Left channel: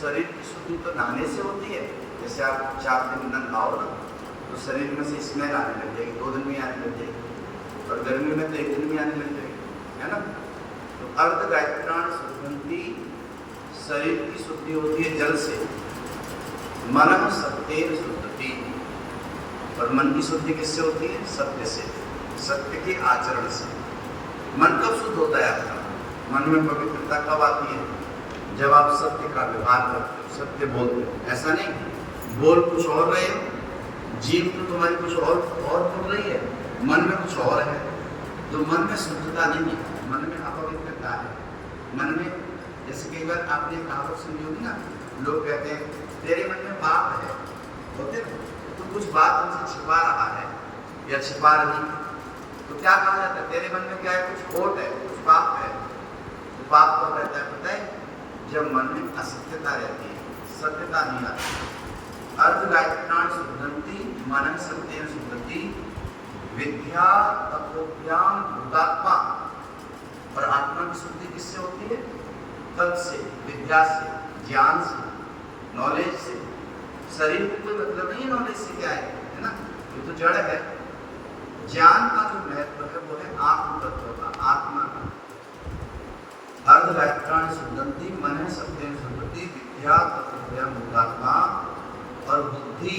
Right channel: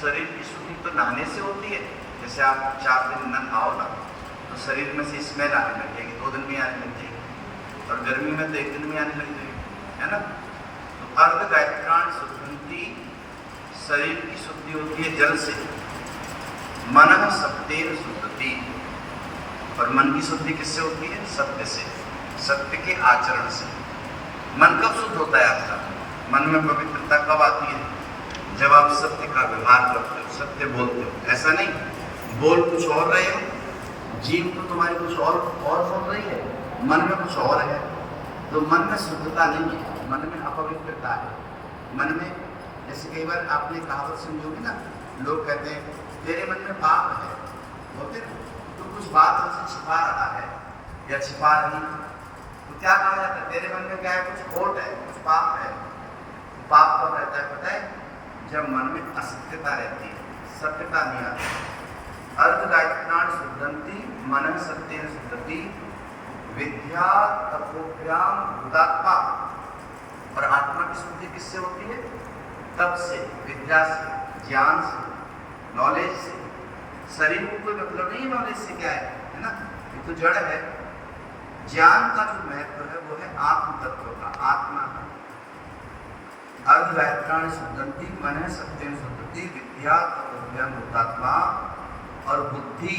शरीर की शुद्धि तो नहाने से होती है। जैसे आप 4 दिन न नहाओ ना तो शरीर में से स्मेल आने लग जाएगी, 2 दिन में आने लग जाएगी, और गर्मी में तो 1 दिन में आने लग जाएगी, है ना। तो अर्ध गायत्राण शुद्धि, शरीर की शुद्धि होती है जल से। मन सत्येन शुद्धि, और मन की शुद्धि किससे होती है? सत्य से, सत्य के आचरण से। मन कब शुद्ध होता है आपका? मन में पवित्रता कब आती है? जब आप सत्य का व्यवहार करते हो, सत्य बोलते हो। ऐसा नहीं बोल कुछ और रहे हो, जीव तो तुम्हारी कुछ और बोल रही है, मन में कुछ और है। तो मन में शुद्धता नहीं है, मन में अपवित्रता है। मन में, जैसे कई बार आपने कहावत सुनी होगी ना, लोग कहते हैं तेरे मन में पाप है, बोलते ना, तो कुछ बात हमसे छिपा रहा है या छिपा रही, तो क्या कहा जाता है? तेरे मन में क्या है? कुछ खोट है, कुछ पाप है। तो पाप कब रहता है पता है? जब मन में असत्यता रहती है, सत्यता नहीं आती। अर्ध गायत्राण शुद्धंति मन सत्येन शुद्धति विद्या तत्वभ्याम भूतात्मा। और आत्मा की शुद्धि किससे होती है? तप से, विद्या से, ज्ञान से, नॉलेज से। शरीर को कोई मतलब नहीं नॉलेज से क्या है ना, ये तो जड़ है। ज्ञान का जो महत्व है वो है आत्म तत्व का, आत्मा का। अर्ध गायत्राण शुद्धंति मन सत्येन शुद्धति विद्या तत्वभ्याम भूतात्मा। और बुद्धि,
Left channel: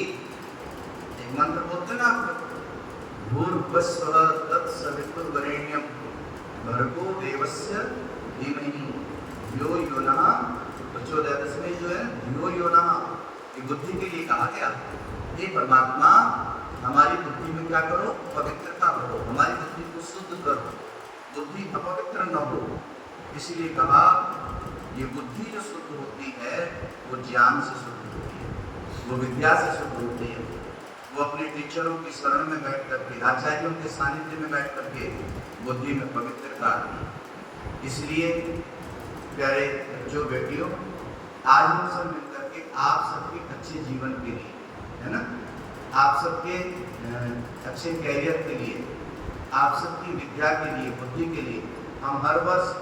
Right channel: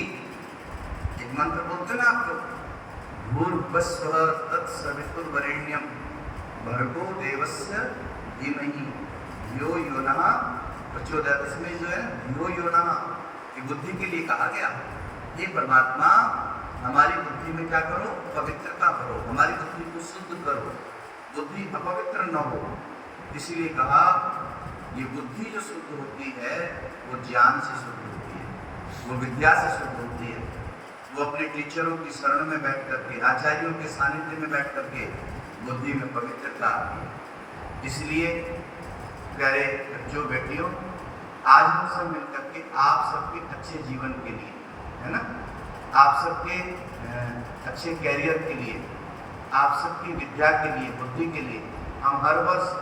एक मंत्र बोलते ना आप लोग, भूर्भुवस्सुः तत्सवितुर्वरेण्यं भर्गो देवस्य धीमहि धियो यो नः प्रचोदयात्। इसमें जो है धियो यो नः, ये बुद्धि के लिए कहा गया। हे परमात्मा, हमारी बुद्धि में क्या करो? पवित्रता करो, हमारी बुद्धि को शुद्ध करो, बुद्धि अपवित्र न हो। इसलिए कहा ये बुद्धि जो शुद्ध होती है वो ज्ञान से शुद्ध होती है, वो विद्या से शुद्ध होती है, वो अपने टीचरों की शरण में बैठ करके, आचार्यों के सानिध्य में बैठ करके बुद्धि में पवित्रता आती है। इसलिए प्यारे बच्चों बेटियों, आज हम सब मिलकर के आप सबके अच्छे जीवन के लिए, है ना, आप सबके अच्छे कैरियर के लिए, आप सबकी विद्या के लिए, बुद्धि के लिए हम हर वर्ष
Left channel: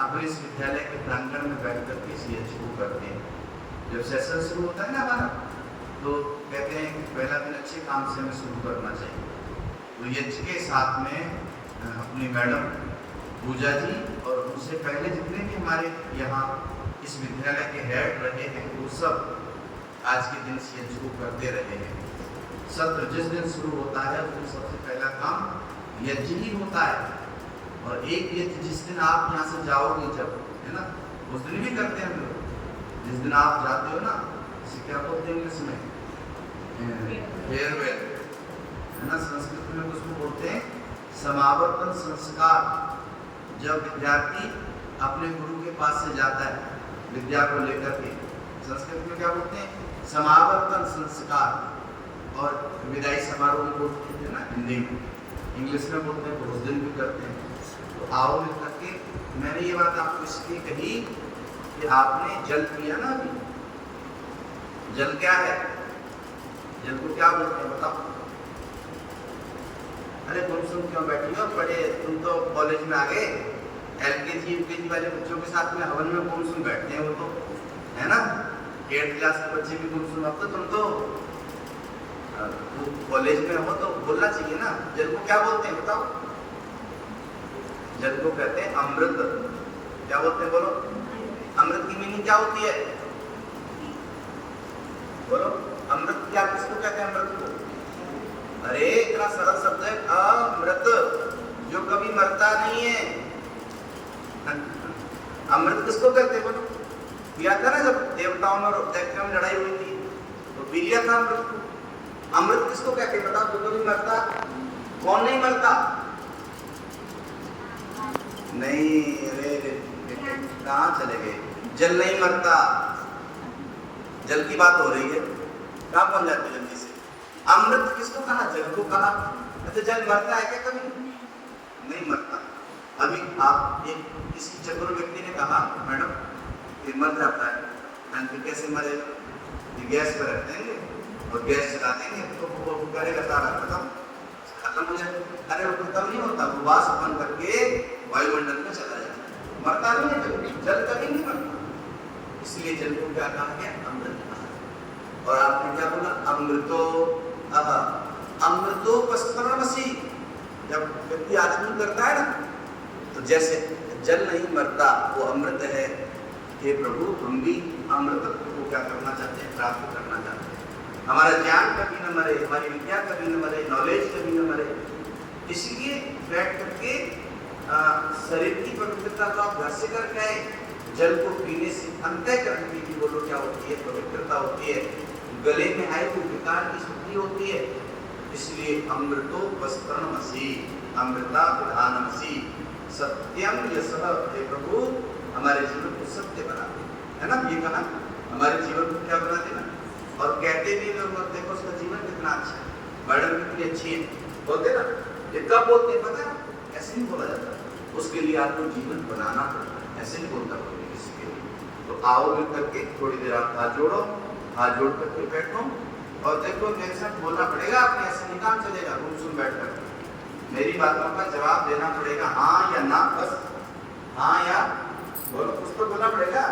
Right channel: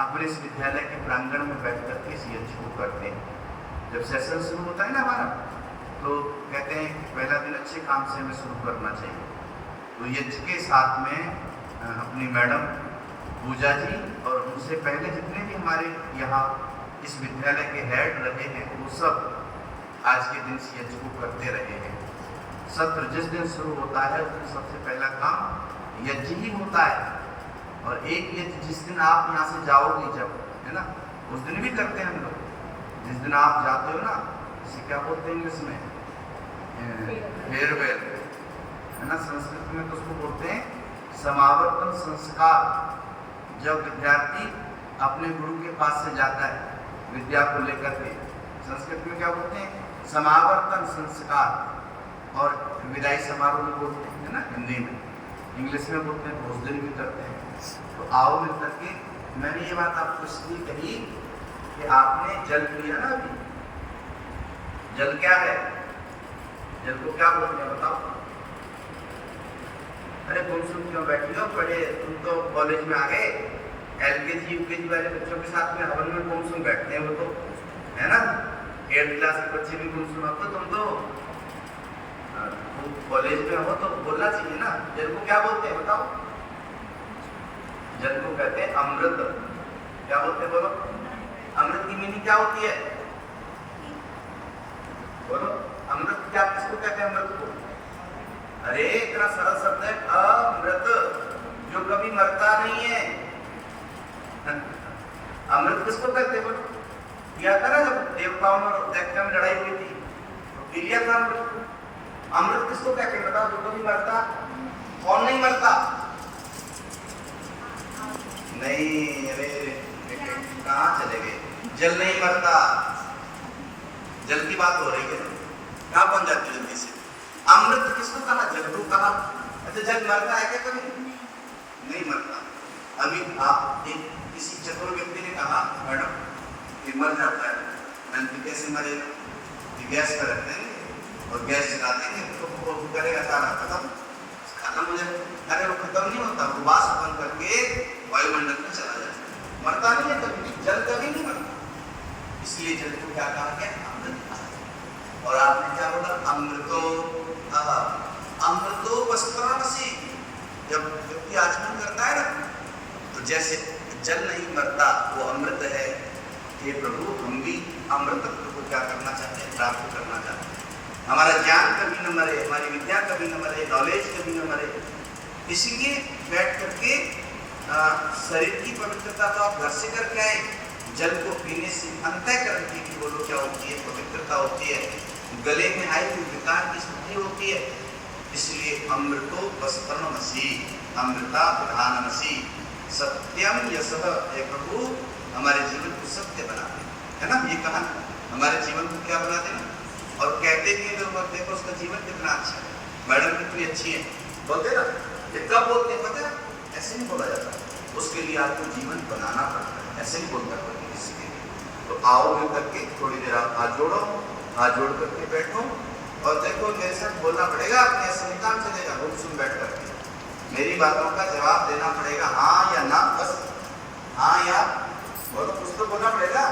अपने इस विद्यालय के प्रांगण में बैठ करके इस यज्ञ को करते हैं। जब सेशन शुरू होता है ना हमारा, तो कहते हैं कि पहला दिन अच्छे काम से हमें शुरू करना चाहिए। तो यज्ञ के साथ में अपनी मैडम पूजा जी और उनसे पहले जितने भी हमारे यहाँ इस विद्यालय के हेड रहे हैं वो सब आज के दिन इस यज्ञ को करते रहे हैं। सत्र जिस दिन शुरू होता है उस दिन सबसे पहला काम यज्ञ ही होता है। और एक यज्ञ जिस दिन आप यहाँ से जाओगे जब, है ना, उस दिन भी करते हैं हम लोग। जिस दिन आप जाते हो ना, इसे क्या बोलते हैं इसमें? फेयरवेल, है ना, संस्कृत में तो उसको बोलते हैं समावर्तन संस्कार। जब विद्यार्थी अपने गुरु के पास से जाता है विद्या को लेकर के, संस्कृत में क्या बोलते हैं? समावर्तन संस्कार। और विदाई समारोह भी बोलते हैं ना हिंदी में, इंग्लिश में बोलते हैं, भोजन भी करते हैं। तो आओ मिल करके। मैंने ये बात आपको इसलिए कही कि आपने जल पिया ना अभी। जल क्या है? जल को क्या बोलते हैं बताओ? अरे गुमसुम क्यों बैठी हो? पढ़े तुम तो कॉलेज में आ गए। एलकेजी यूकेजी वाले बच्चों के साथ में हवन में गुमसुम बैठते हैं वो तो, है ना। 8th क्लास के बच्चे भी गुमसुम। अब तो तुम तो कॉलेज में हो तो बोलना चाहिए ना। जल को क्या बोलते हैं बताओ? जल को कहते हैं अमृत। क्या बोलते हैं बोलो? अमृत की मीनिंग क्या होती है बोलो? अमृत क्या, किसको कहते हैं अमृत को? अरे इतना सरल शब्द है अमृत, जो कभी मरता नहीं है। अमृत किसको कहते हैं बोलो? पिया था ना जब देवताओं में दैत्यों में लड़ाई हुई थी तो पी लिया था अमृत। अमृत किसको कहते हैं बताओ? जो कभी मरता। कौन नहीं मरता? नहीं, अरे कहाँ चले गए? जल नहीं मरता। जल की बात हो रही है, कहाँ बन जाती है जल्दी से? अमृत किसको कहा? जल को कहा। अच्छा जल मरता है क्या कभी? नहीं मरता। अभी आप एक किसी चतुर व्यक्ति ने कहा मैडम ये मर जाता है। मैंने कैसे मरेगा? गैस पर रख देंगे और गैस चला देंगे तो वो करेगा सारा खत्म हो जाएगा। अरे वो खत्म नहीं होता, वो वाष्प बन करके वायुमंडल में चला जाता है, मरता नहीं है कभी। जल कभी नहीं मरता। इसलिए जल को क्या कहा गया? अमृत कहा। और आपने क्या बोला? अमृतो वस्त्रमसि। जब व्यक्ति आचमन करता है ना, तो जैसे जल नहीं मरता, वो अमृत है। हे प्रभु, हम भी अमृतत्व को क्या करना चाहते हैं? प्राप्त करना चाहते हैं। हमारा ज्ञान कभी न मरे, हमारी विद्या कभी न मरे, नॉलेज कभी न मरे। इसलिए बैठ करके शरीर की पवित्रता तो आप घर से करके आए, जल को पीने से अंतःकरण की भी बोलो क्या होती है? पवित्रता होती है, गले में आए हुए विकार की स्थिति होती है। इसलिए अमृतो वस्त्रमसि, अमृता प्रधानमसि, सत्यम यशः। हे प्रभु, हमारे जीवन को सत्य बना दे, है ना? ये कहा हमारे जीवन को क्या बना देना। और कहते भी लोग, अब देखो उसका जीवन कितना अच्छा है, मैडम कितनी अच्छी है, बोलते ना। कब बोलते पता? ऐसे नहीं बोला जाता, उसके लिए आपको जीवन बनाना पड़ता है, ऐसे नहीं बोलता कोई किसी के लिए। तो आओगे करके थोड़ी देर आप हाथ जोड़ो, हाथ जोड़ करके बैठो और देखो मेरे साथ बोलना पड़ेगा। आपने ऐसे नहीं काम चलेगा, रूम सुन बैठ करके मेरी बातों का जवाब देना पड़ेगा, हाँ या ना, बस हाँ या बोलो, कुछ तो बोलना पड़ेगा।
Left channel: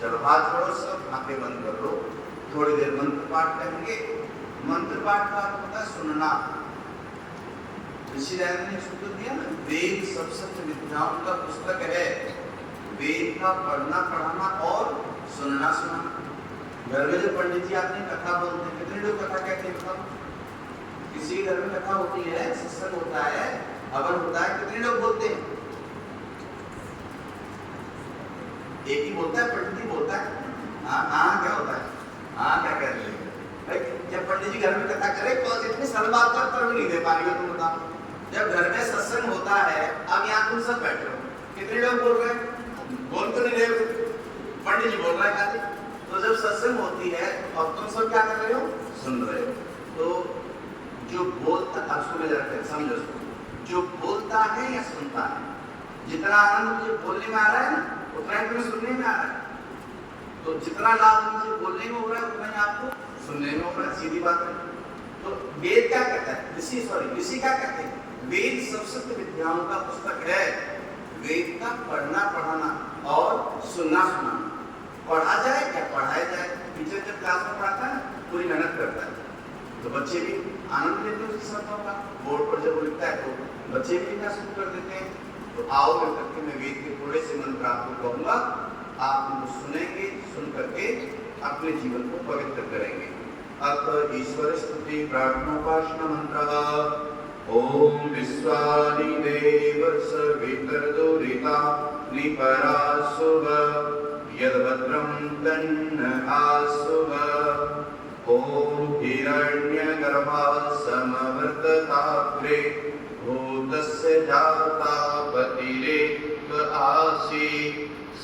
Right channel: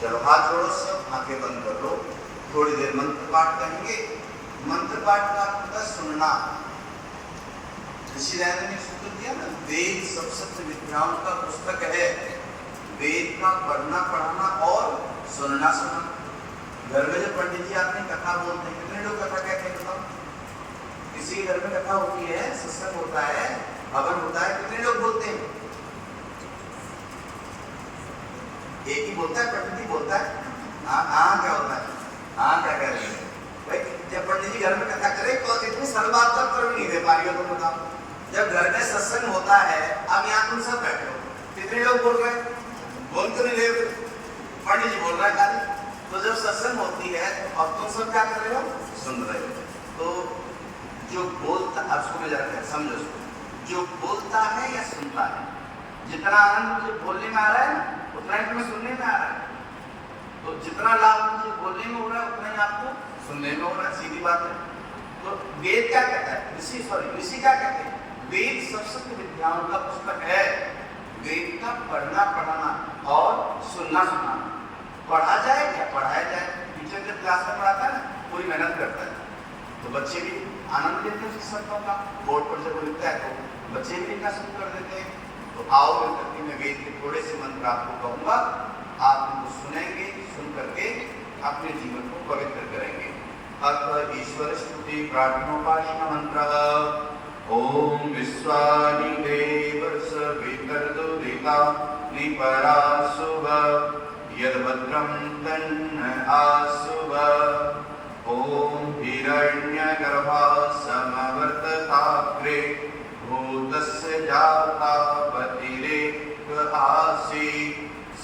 चलो हाथ जोड़ो, सब आंखें बंद कर लो, थोड़ी देर मंत्र पाठ करेंगे। मंत्र पाठ का अर्थ होता है सुनना। ऋषि दयानंद ने सूत्र दिया ना, वेद सब विद्याओं का पुस्तक है। वेद का पढ़ना पढ़ाना और सुनना सुनाना। घर में जो पंडित जी आते हैं कथा बोलते हैं, कितने लोग कथा कहते हैं? किसी के घर में कथा होती है, सत्संग होता है, हवन होता है, कितने लोग बोलते हैं? एक ही बोलता है, पंडित जी बोलता है। हाँ क्या होता है? हाँ क्या कह रहे हैं भाई? जब पंडित जी घर में कथा करे तो इतनी सरल बात का उत्तर नहीं दे पा रही हो तुम बताओ। जब घर में सत्संग होता है, अब यहाँ तुम सब बैठे हो, कितने लोग बोल रहे हैं? बोल तो नहीं रहे, पंडित जी बोल रहा है खाली। तो जब सत्संग होती है तो अब तुम सब क्या कर रहे हो? सुन रहे हो। तो जो बोलता, अब सुन जाते हैं, समझो, जो बोलता है या सुनता है, जितना आनंद मुझे बोलने में आ रहा है ना, उतना ही तुम्हें सुनने में आ रहा है। तो जितना लाभ मुझे बोलने में हो रहा है, उतना ही आपको सुनने में हो रहा है, सीधी बात है। तो वेद क्या कहता है? ऋषि क्या कहते हैं? वेद सब विद्याओं का पुस्तक है। वेद का पढ़ना पढ़ाना और सुनना सुनाना। पढ़ा जाए या पढ़ाया जाए, टीचर जब क्लास में पढ़ाता है ना, पूरी मेहनत करता है, तो बच्चे भी आनंद लेते हैं उसकी शब्दों का। बोर्ड पर जब वो लिखता है तो बच्चे भी लिखना शुरू कर देते हैं। तो आओ करके मैं वेद के थोड़े से मंत्र आपको कहूँगा, आप उनको सुनेंगे, सुन करके अपने जीवन को पवित्र करेंगे। अब ईश्वर स्तुति प्रार्थनोपासना मंत्र। ओम विश्वानि देव सवितर्दुरिता निपरासुभ यद्भद्रं तन्न आसुभ। ओम हिरण्यगर्भा समवर्तताग्रे भूतस्य जाता पतिरेक आसी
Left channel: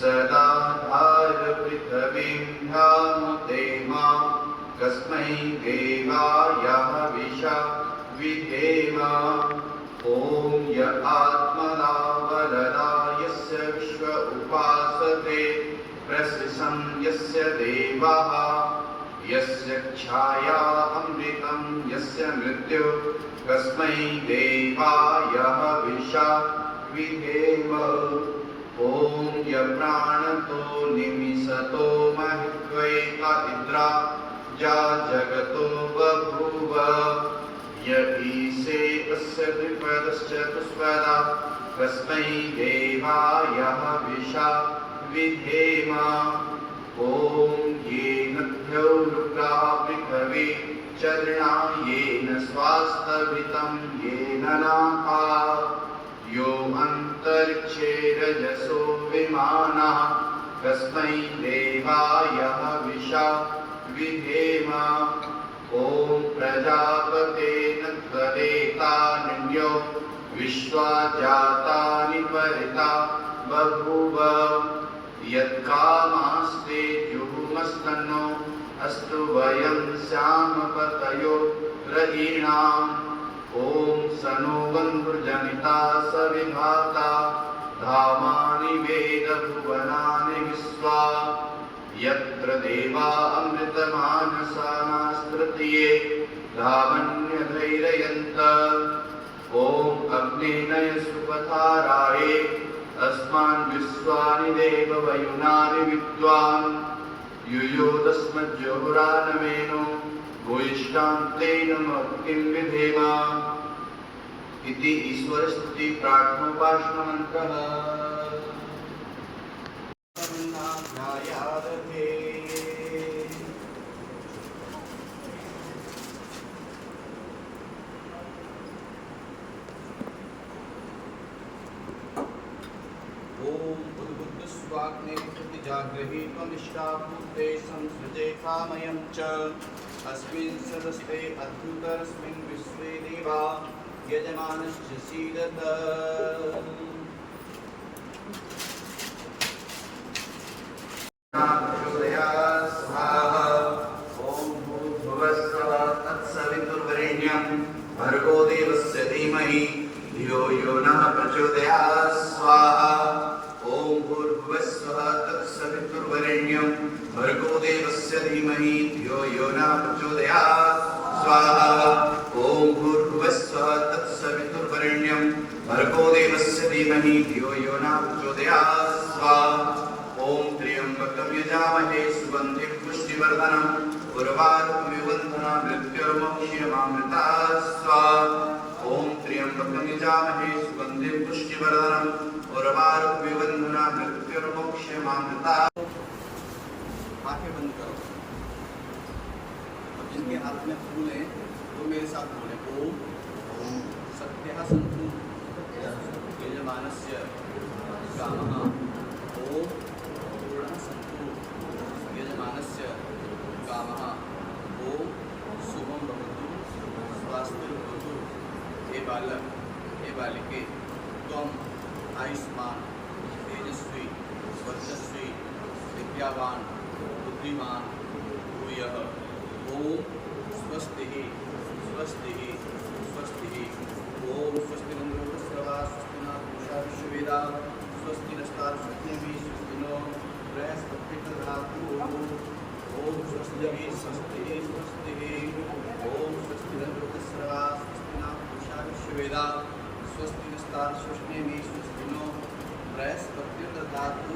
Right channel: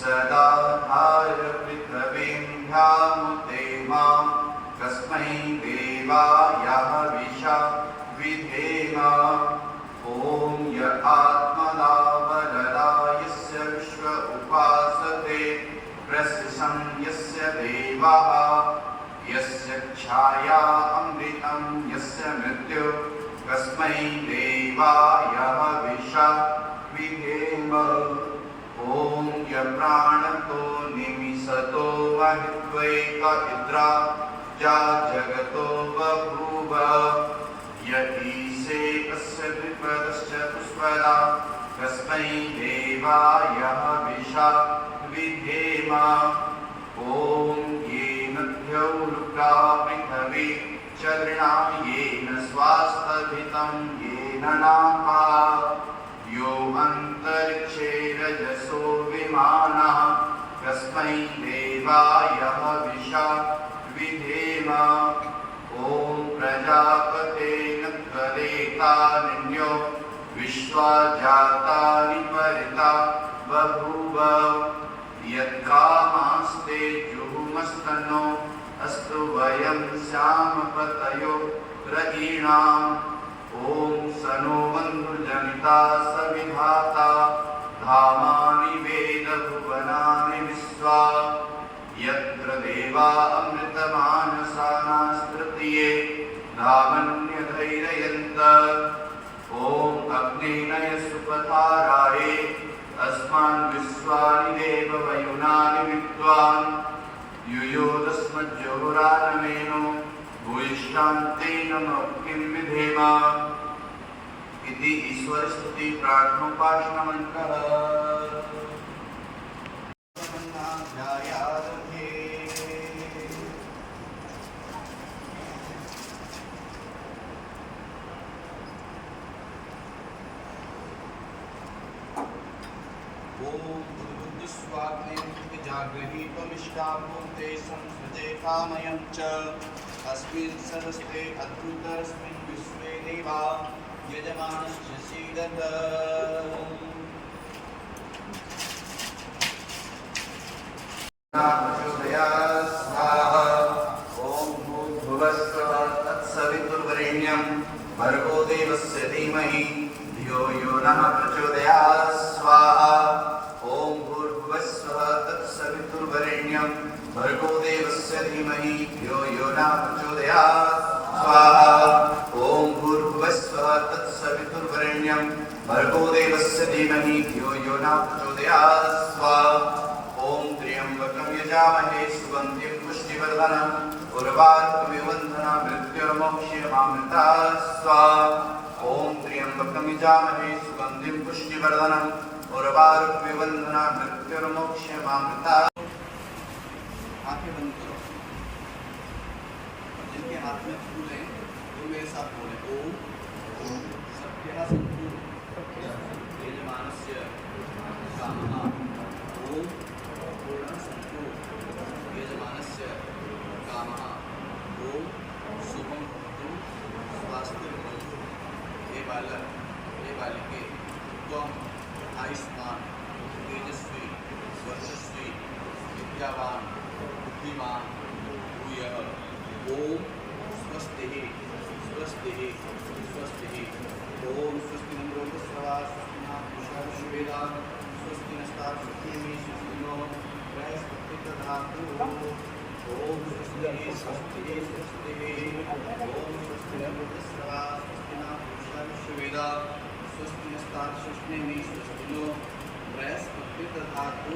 सदा भार पृथ्वीं ध्यामुते मां कस्मै देवाय हविषा विधेमा। ओम य आत्मना वरदा यस्य विश्व उपासते प्रसिशं यस्य देवाः यस्य छाया अमृतं यस्य मृत्यु कस्मै देवाय हविषा विधेम। ओम य प्राणतो निमिषतो महित्वेका इन्द्रा जा जगतो बभूव यदीसे तस्य विपदस्य पुष्पदा कस्मै देवाय हविषा विधेम। ओम येन द्यौरुक्ता पृथिवी चरणा येन स्वास्तभितं येन नाहा यो अंतरिक्षे रजसो विमानः कस्मै देवाय हविषा विधेम। ओम प्रजापते नत्वरेतानिन्यो विश्वा जातानि परिता बभूव यत्कामास्ते जुहुमस्तनो अस्तु वयं श्यामपतयो रयीणाम्। ओम सनो बन्धुजनिता सविधाता धामानि वेद भुवनानि विश्वा यत्र देवा अमृतमानसाना स्तृतीये धामन्यधैर्ययन्त। ओम अग्नेनय सुपथाराये अस्मान् विश्व विश्वानि देव वयुनानि विद्वान् यूयो तस्मज्जहुरानमेनो भूयिष्ठान्तेन किं विधेम इति ईश्वर स्तुति प्रार्थनोपासना मंत्रः। जागृहीत्वमिष्टाभूते संसृजे कामयं च अस्मिन् समस्ते अद्भुतस्मिन् विश्वे देवा यजमानश्च सीदत। ॐ भूर्भुवस्सुवः तत्सवितुर्वरेण्यं भर्गो देवस्य धीमहि धियो यो नः प्रचोदयात् स्वाहा। ॐ भूर्भुवस्सुवः तत्सवितुर्वरेण्यं भर्गो देवस्य धीमहि धियो यो नः प्रचोदयात् स्वाहा। ॐ भूर्भुवस्सुवः तत्सवितुर्वरेण्यं भर्गो देवस्य धीमहि धियो यो नः प्रचोदयात् स्वाहा। ॐ त्र्यम्बकं यजामहे सुगन्धिं पुष्टिवर्धनम् उर्वारुकमिव बन्धनान् मृत्युर्मोक्षीयमामृतात् स्वाहा। ॐ त्र्यम्बकं यजामहे सुगन्धिं पुष्टिवर्धनम् उर्वारुकमिव बन्धनान् मृत्युर्मोक्षीयमामृतात्। आंखें बंद करो। अब जिनके हाथ में फूल है वो मेरे साथ बोले ओम सत्यः सन्तु यजमानस्य कामः। ओम पूर्णः सन्तु यजमानस्य कामः। ओम शुभं भवतु स्वास्थ्यं भवतु। हे बालक हे बालिके त्वम् आयुष्मान तेजस्वी वर्चस्वी विद्यावान बुद्धिमान भूयः। ओम स्वस्तिः स्वस्तिः स्वस्तिः। ओम स्वस्ति न लोकस्रवा स्वस्ति न पूषा विश्ववेदाः स्वस्ति नस्तार्क्ष्यमेव स्वस्ति नो बृहस्पतिर्दधातु। ओम स्वस्तिः स्वस्तिः स्वस्तिः। ओम स्वस्ति न लोकस्रवा स्वस्ति न पूषा विश्ववेदाः स्वस्ति नस्तार्क्ष्यमेव स्वस्ति नो बृहस्पतिर्दधातु।